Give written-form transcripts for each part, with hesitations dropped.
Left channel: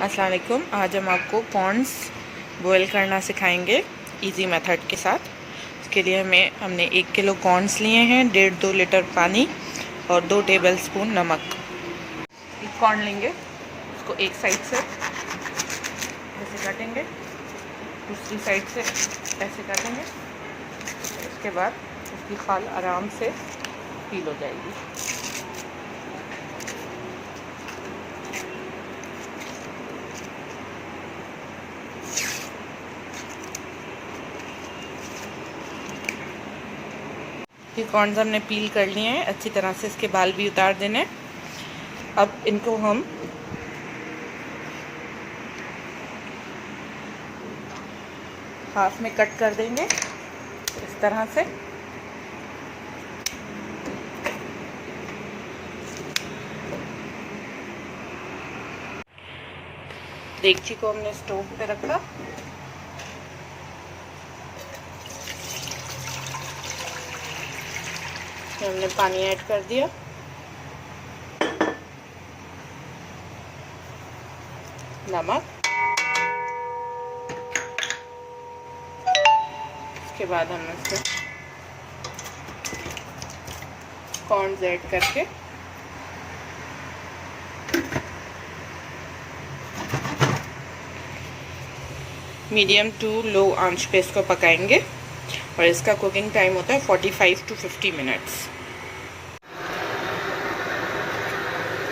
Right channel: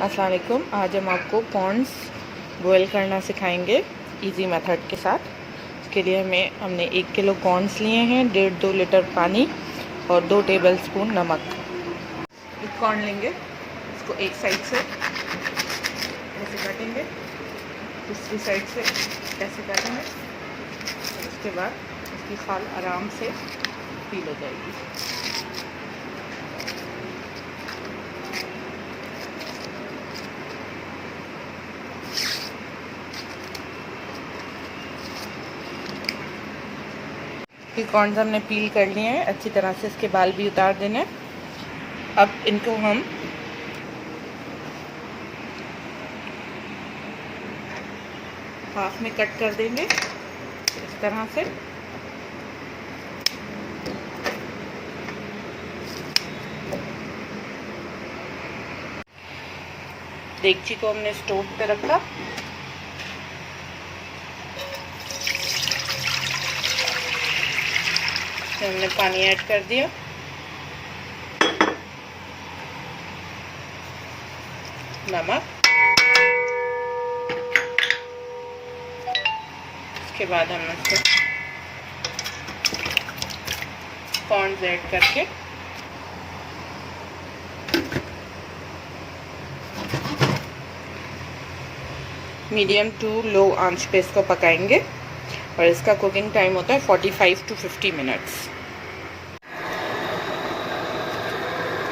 अस्सलाम वालेकुम। आज हम आपको कॉर्न्स बॉयल करना सिखाएंगे इजी मेथड के साथ। इसके लिए हमने 1 किलो कॉर्न्स लिए हैं, 1.5-2 लीटर पानी और 2 टेबलस्पून नमक। एक कॉर्न लेंगे, इसको एक साइड से ऐसे काटेंगे, दूसरी साइड से ऐसे काटेंगे। इसके बाद इसकी खाल आराम से पील हो जाएगी। ये कॉर्न्स हमने पील कर लिए हैं अच्छी तरह से, इसके बाल भी उतार देने। अब इनको हम हाफ में कट कर देंगे इस तरह से। देगची को हमने स्टोव पे रखा, हमने पानी ऐड कर दिया, नमक, इसके बाद हम इसमें कॉर्न्स ऐड करके मीडियम टू लो आंच पे इसको पकाएंगे और इसका कुकिंग टाइम होता है 45 to 50 मिनट्स।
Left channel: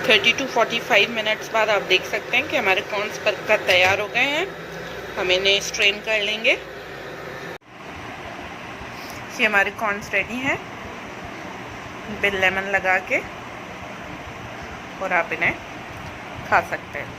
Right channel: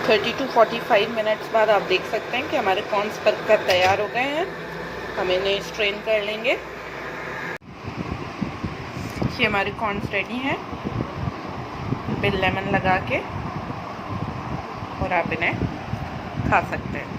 30 to 45 मिनट्स बाद आप देख सकते हैं कि हमारे कॉर्न्स पककर तैयार हो गए हैं। हम इन्हें स्ट्रेन कर लेंगे। ये हमारे कॉर्न्स रेडी हैं बिल लेमन लगा के, और आप इन्हें खा सकते हैं।